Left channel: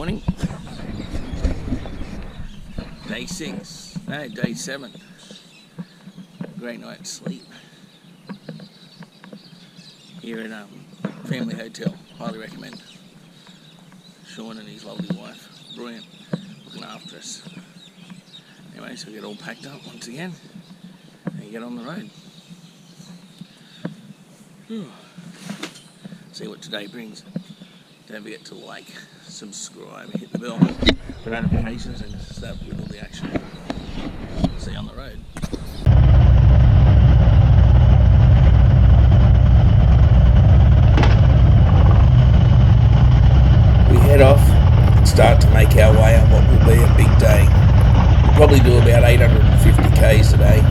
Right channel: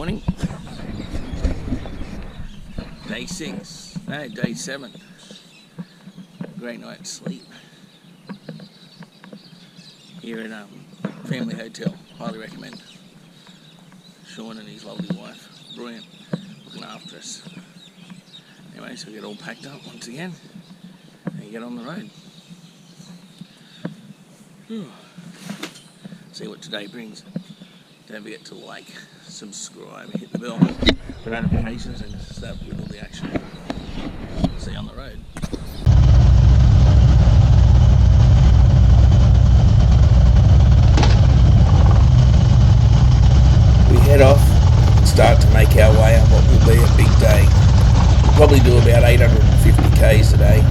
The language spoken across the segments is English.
morning. Day 7. Great night's sleep here at Family Hotel. Highly recommend. Sean and his lovely wife, brilliant, looking after us. Anyway, so we get all packed up once again and get on the road. See what today brings. Don't forget to like, subscribe, hit the bell for notifications, and start with all the action. See you on the road. We head off and start to make our way on what will be a big day. We'll probably do about 850 k's today.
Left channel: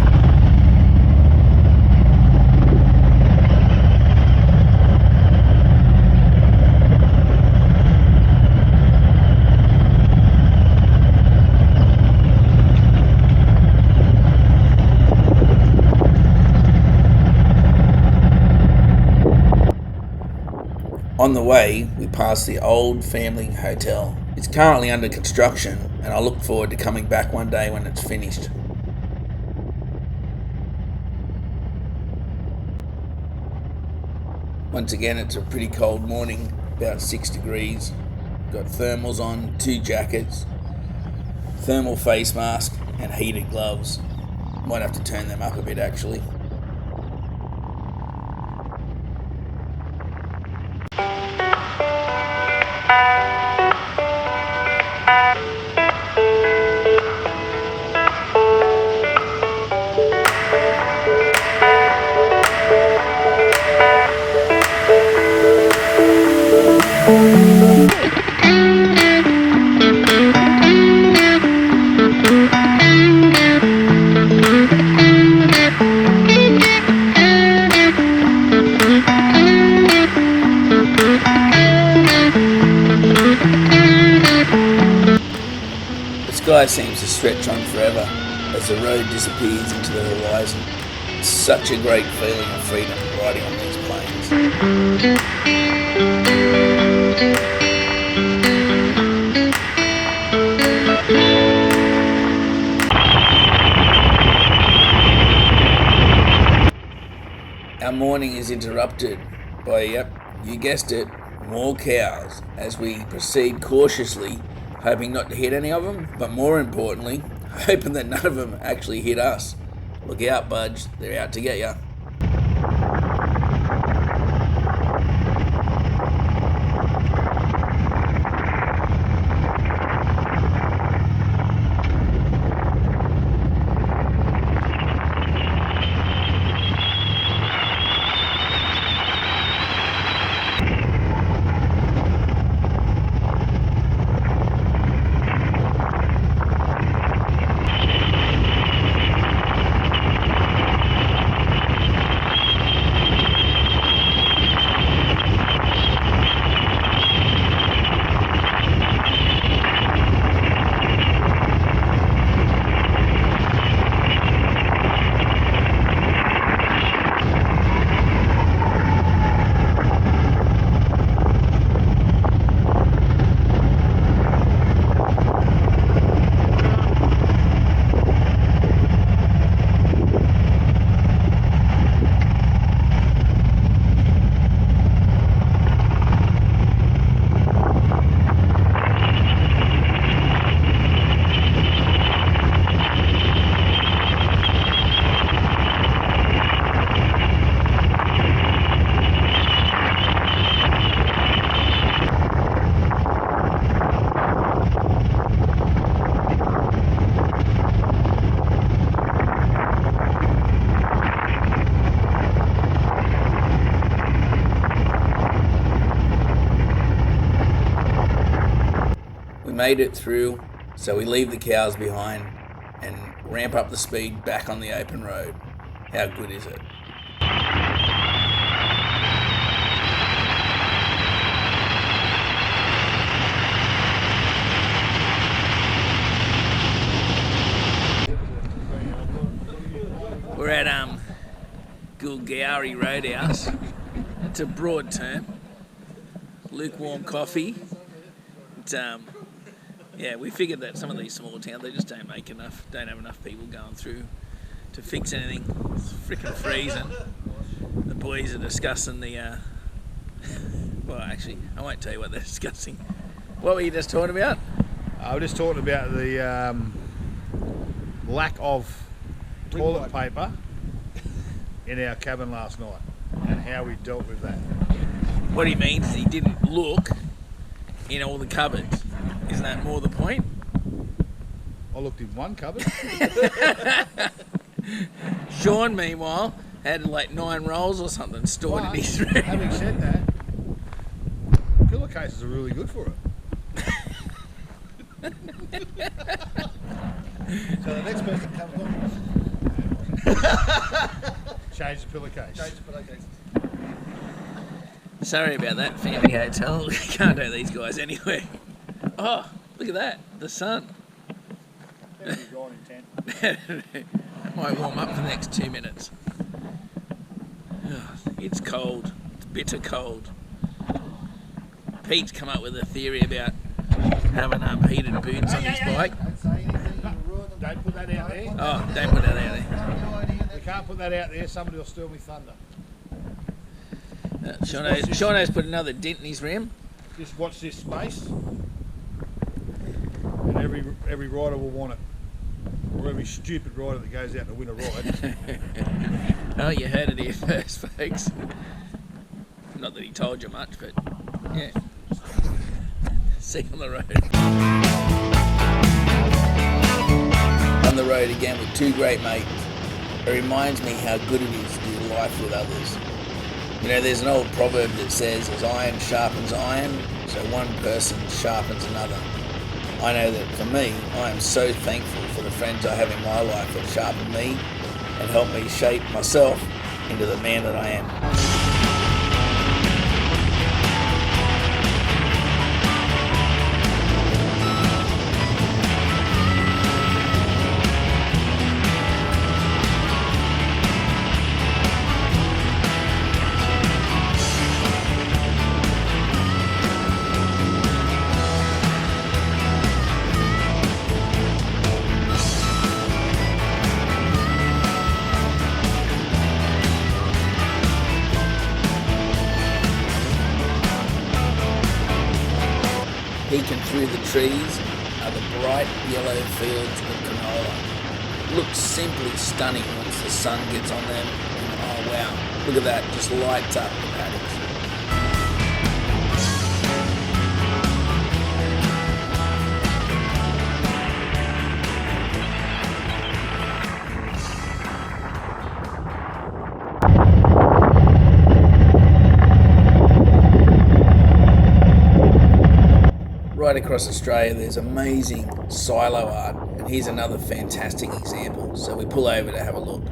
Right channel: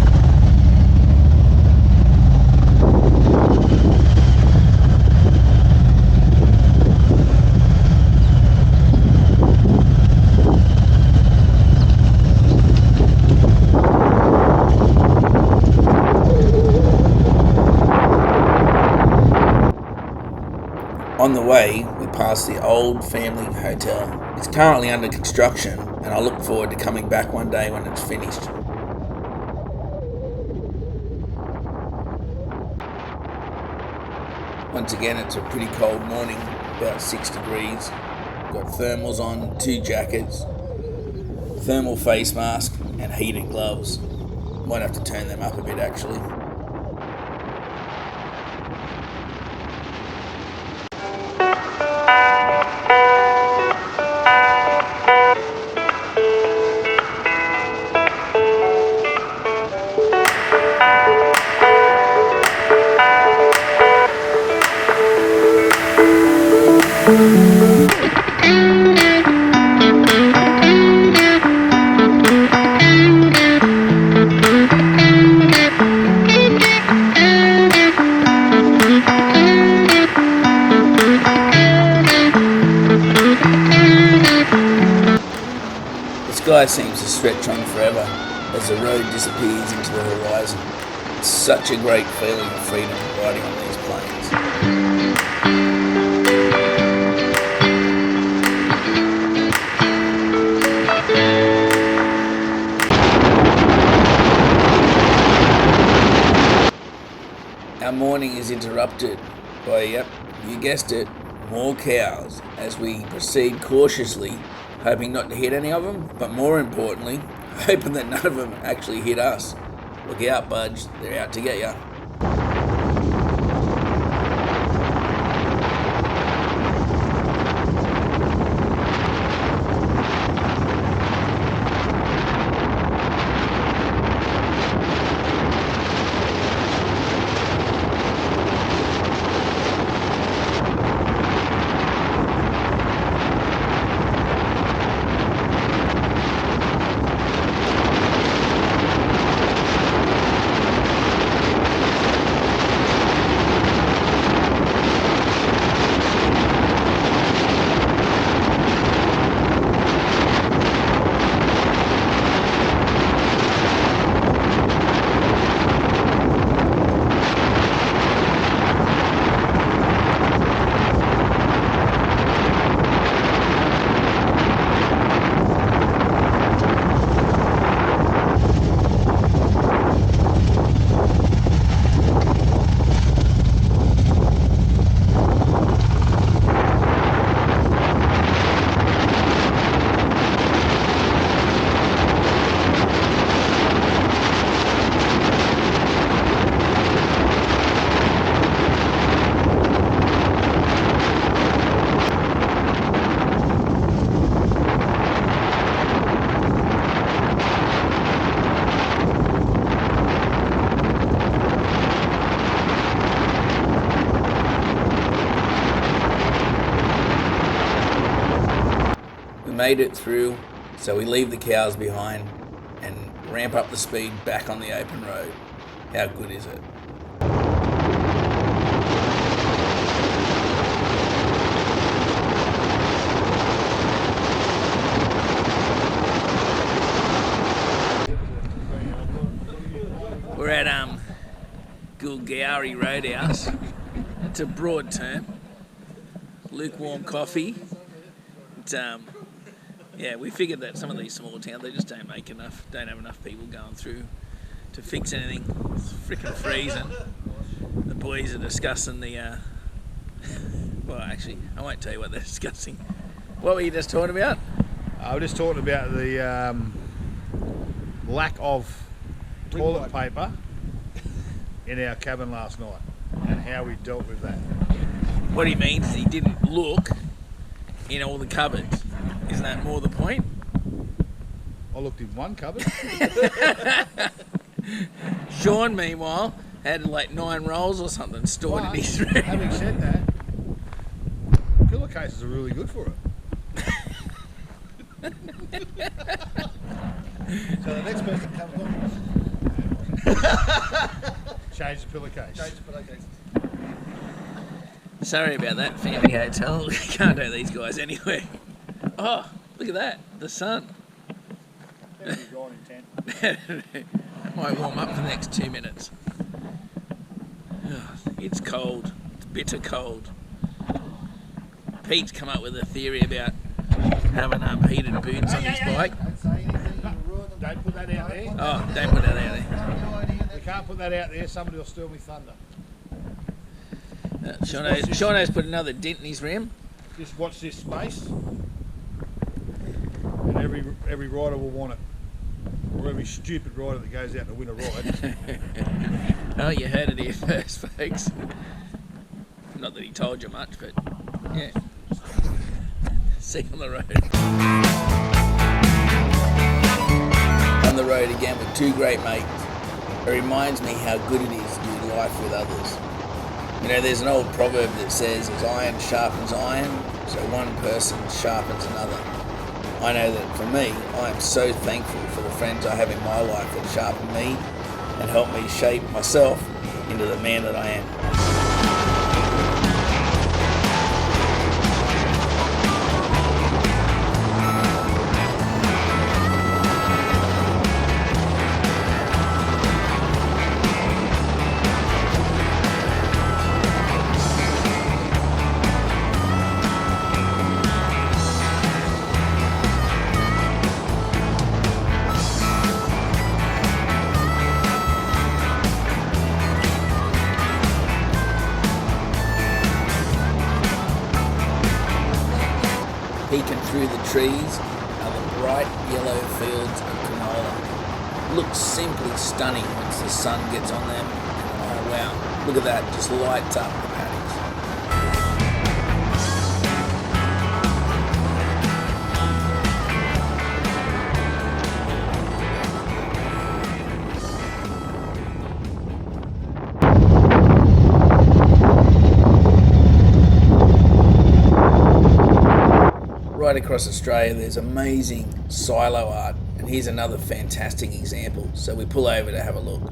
On the way, we pass the old family hotel. It's currently under construction, and I look forward to coming back one day when it's finished. Once again, it's a pretty cold morning, about 6 degrees. Got thermals on, 2 jackets, thermal face mask, and heated gloves. Might have to turn them up a bit actually. The sky seems to stretch on forever as the road disappears into the horizon. It's such a great feeling of freedom riding on these planes. Our morning is interrupted by, yep, you guessed it, more cows as we proceed cautiously, hoping not to hit any of them, but more importantly, hoping that none of them actually hit us. Look out, Budge, they're out to get ya. Made it through, so we leave the cows behind and ramp up the speed back on the open road. How good is it? We're at Goolgowi Roadhouse. It's a broad term. Lukewarm coffee. It's Yeah, we figured that some of these small towns, they just don't have enough people going through to fix anything. It's freaking freezing. The boys are discussing the, well, actually, I won't tell you what they're discussing. What were you just talking about? I was just talking about the lack of toilet paper in our cabin last night and how we dealt with that. What he means is he didn't look in all the cupboards. Isn't that more the point? I looked in one cupboard. Sean, meanwhile, had like 9 rolls or something stored in his room. Having said that, pillowcases are really good for it. So the next person comes on. Change the pillowcase. Change the pillowcase. Sorry about that, family hotel. Can't do these guys anyway. Oh, look at that, the sun. That might warm up for the next 2 minutes. Oh, it's cold. It's bitter cold. Pete's come up with a theory about having heated boots on his bike. Don't say anything, you'll ruin them. Don't put that out there. Oh, don't put that out there. You can't put that out there, somebody will steal me thunder. Shauno's put another dent in his rim. Just watch this space. And every rider will want it. Or every stupid rider that goes out to win a ride. Oh, you heard it here first, folks. Not that he told you much, but yeah. See you on the road. On the road again with 2 great mates. It reminds me how good it is to do life with others. You know, there's an old proverb that says, as iron sharpens iron, so one person sharpens another. I know that for me, I am so thankful for the friends I have in my life that sharpen me and help me shape myself into the man that I am. Peeking through the trees are the bright yellow fields of canola. Looks simply stunning once the sun gets on them. And oh wow, look at that, just lights up the paddocks. Right across Australia there's amazing silo art, and here's another fantastic example, so we pull over to have a look.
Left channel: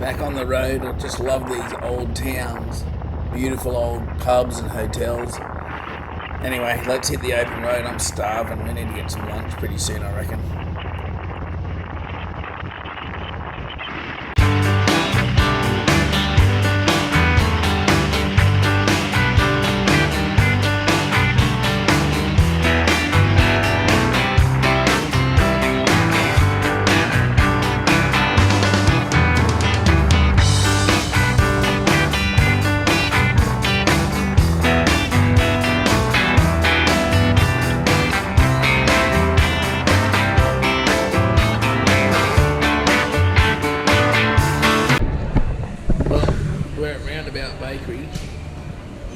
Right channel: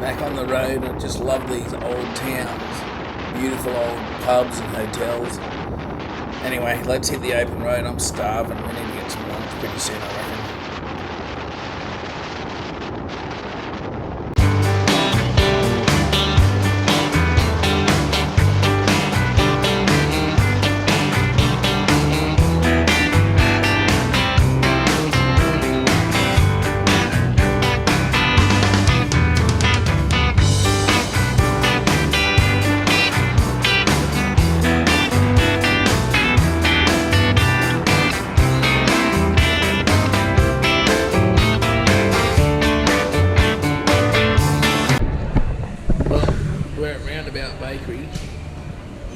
Back on the road, I just love these old towns, beautiful old pubs and hotels. Anyway, let's hit the open road. I'm starving. We need to get some lunch pretty soon, I reckon.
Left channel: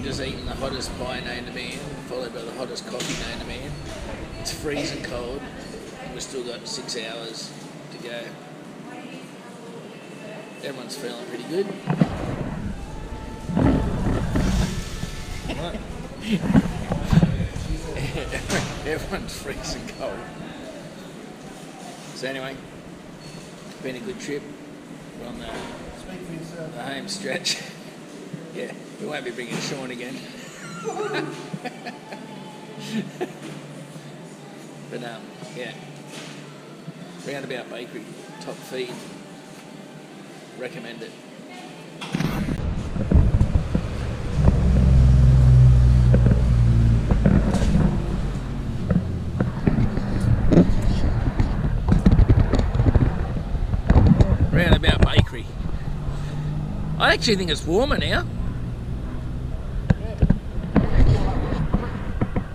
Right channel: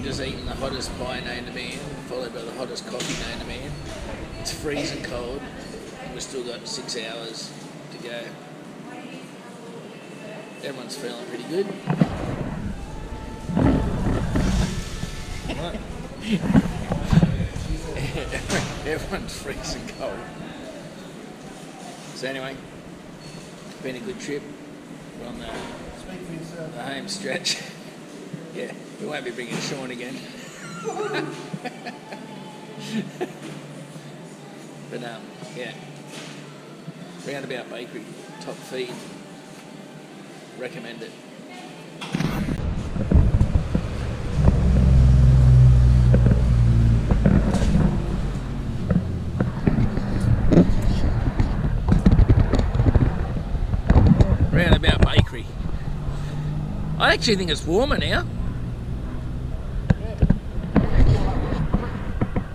just eaten the hottest pie known to man, followed by the hottest coffee known to man. It's freezing cold, and we've still got 6 hours to go. Everyone's feeling pretty good. Everyone's freezing cold. So anyway, it's been a good trip. We're on the home stretch. Yeah, we won't be bringing Sean again. But yeah, Roundabout Bakery, top feed. Recommend it. Roundabout Bakery. I actually think it's warmer now.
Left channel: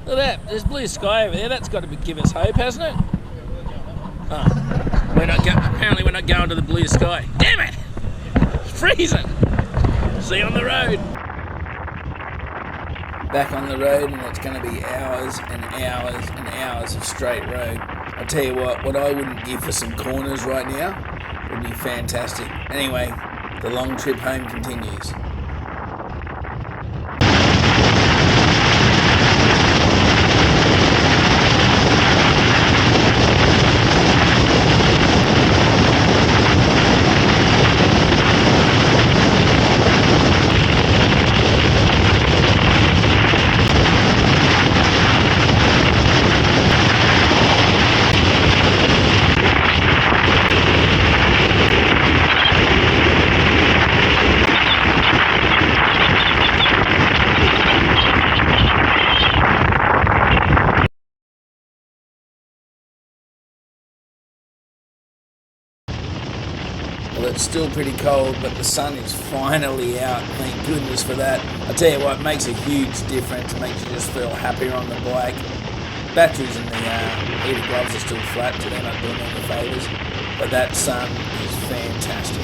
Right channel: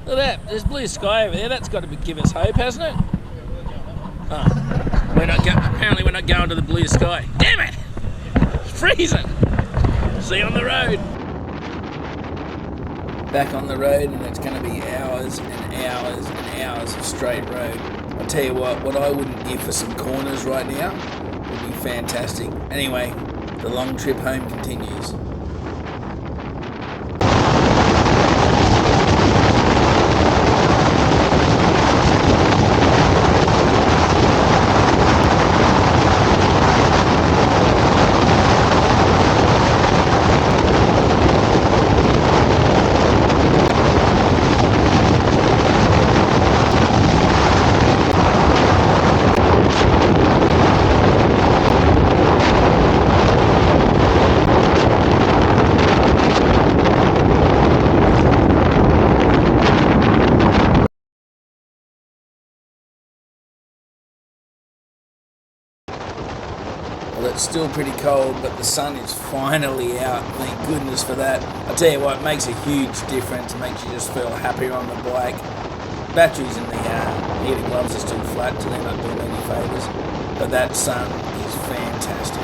Look at that, there's blue sky over there. That's got to give us hope, hasn't it? Oh, apparently we're not going to the blue sky. Damn it! It's freezing. See you on the road. Back on the road, and it's going to be hours and hours and hours of straight road. I'll tell you what I wouldn't give for some corners right now would be fantastic. Anyway, the long trip home continues. Well, it's still pretty cold, but the sun is finally out. Thank goodness for that. I tell you what, it makes a huge difference. It makes you just feel happier on the bike. Batteries in the heated gloves are still flat, so they're not doing any favours. But that sun is fantastic.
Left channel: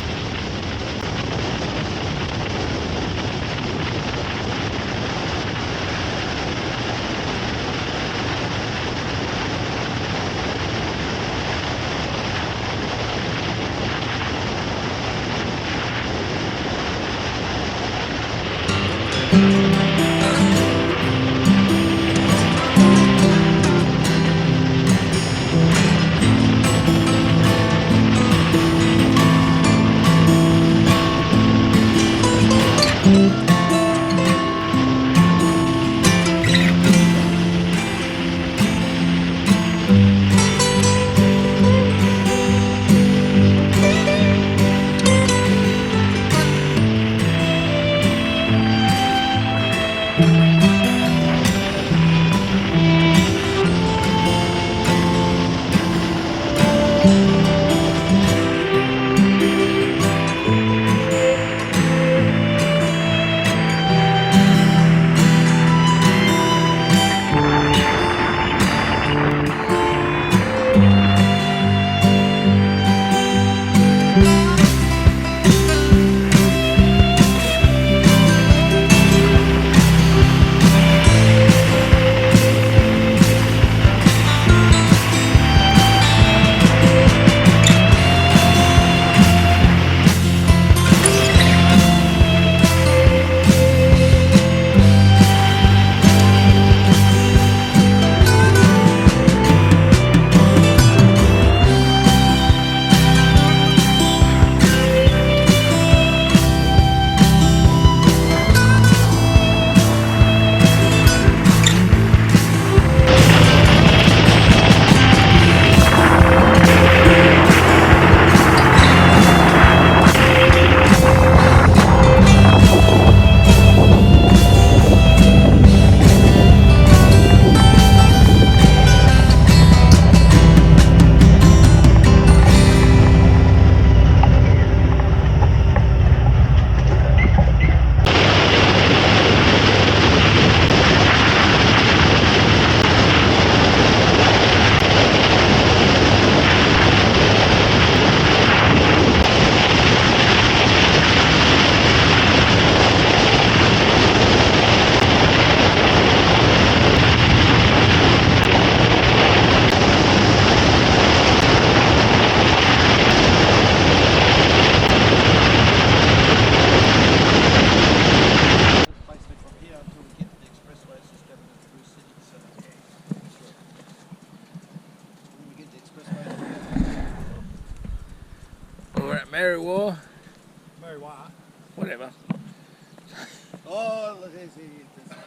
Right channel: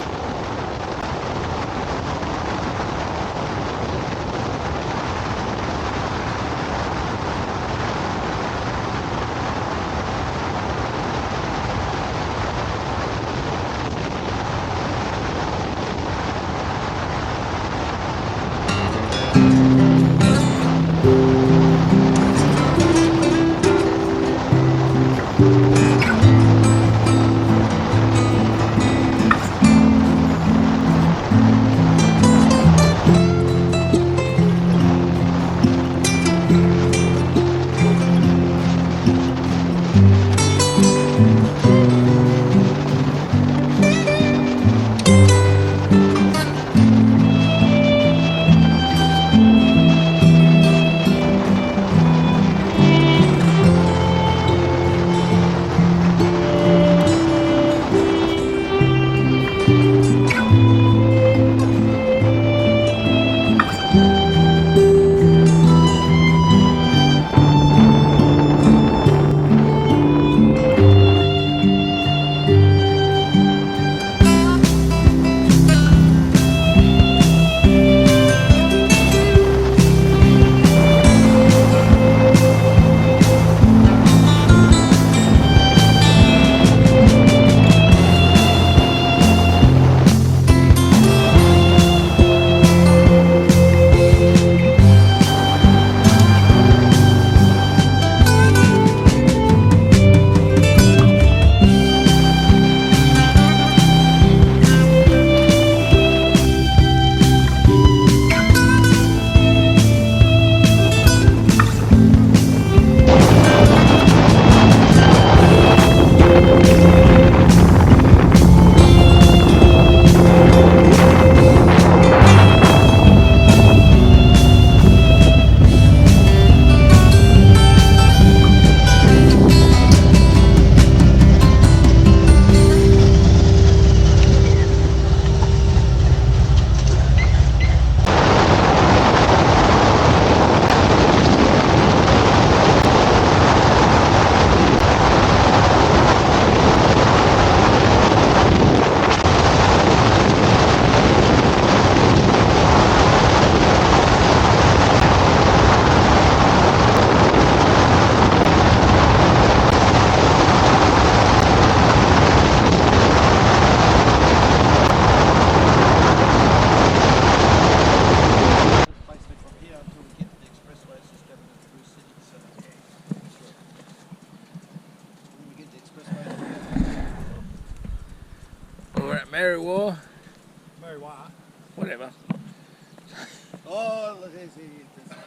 fellas.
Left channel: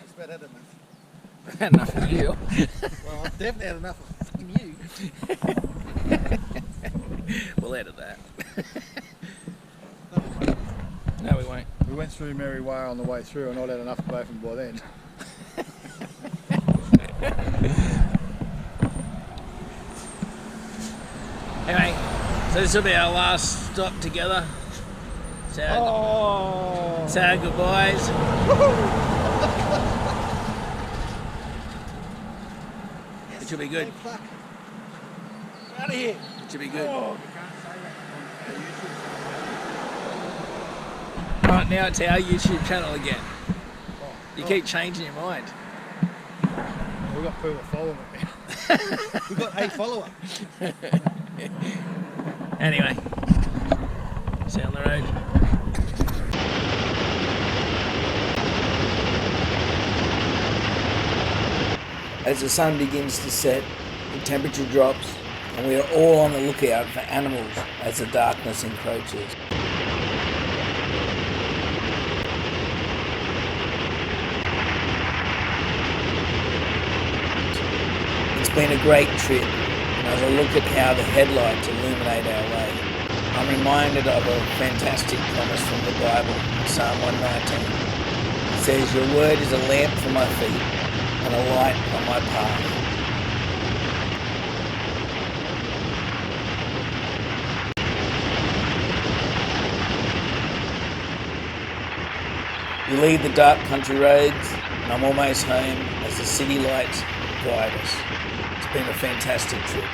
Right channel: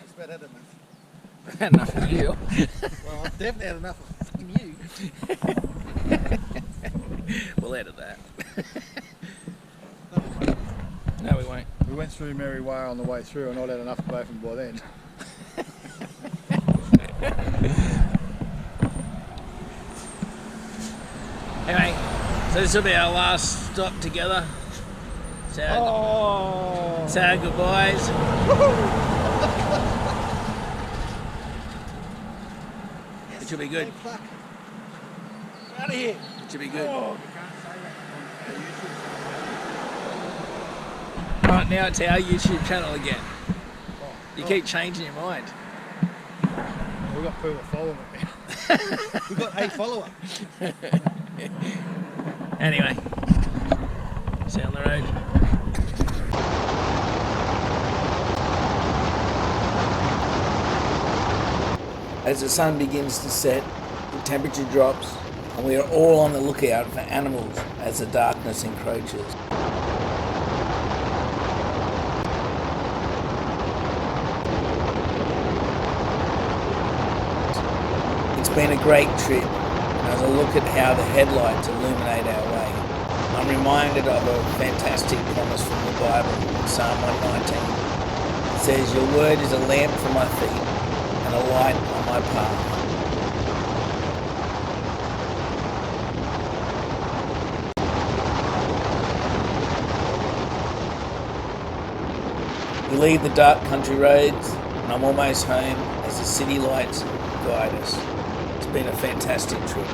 It's about had enough. Enough of you. Well, I've definitely had enough of fucking you. We'll edit that. No, we won't. No, we won't. We went through Mary Way on the way through and I'd had enough of both of them by then. Anyway, so this will be our last stop together. Say our goodbyes. It should be good. Out of here. It should be good. Oh. Right, now it's our YouTube channel again. You keep changing your mind. We've got people following it now. We've got a follower. Anyway, see you on the road. As the sun begins to set, the temperature drops, and we are all on the lookout for animals as the darkness encroaches. It's been a great trip, and as I look at how the headlights illuminate our way, I'm reminded of a fantastic promise from the Bible in Psalm 119. It says, "Your word is a lamp for my feet and a light on my path." We leave the dark country roads, and I'm almost home as the city lights guide us. It's been a fantastic trip.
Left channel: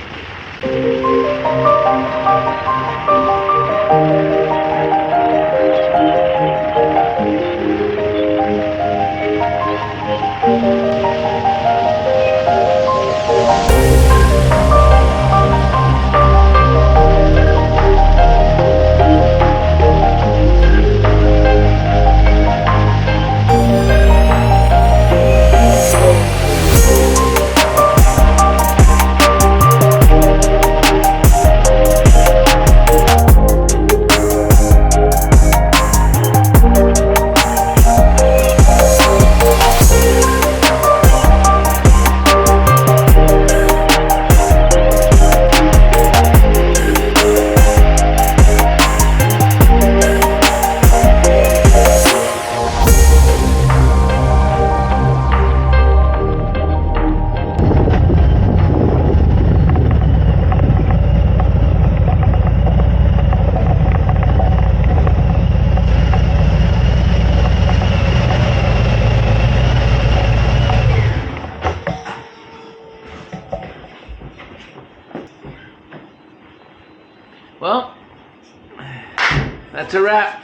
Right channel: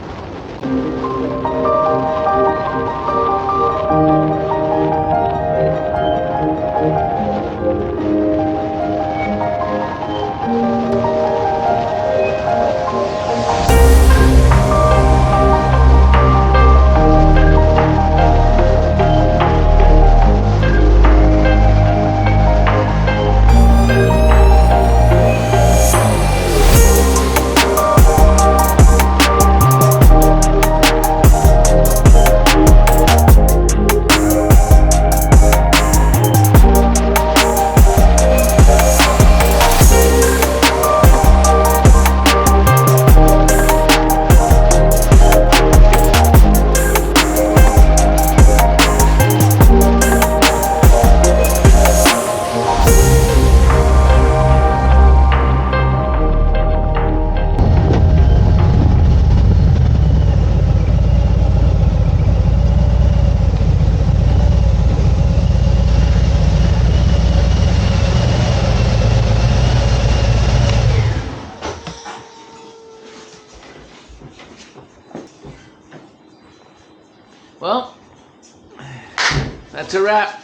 Well, that's a wrap.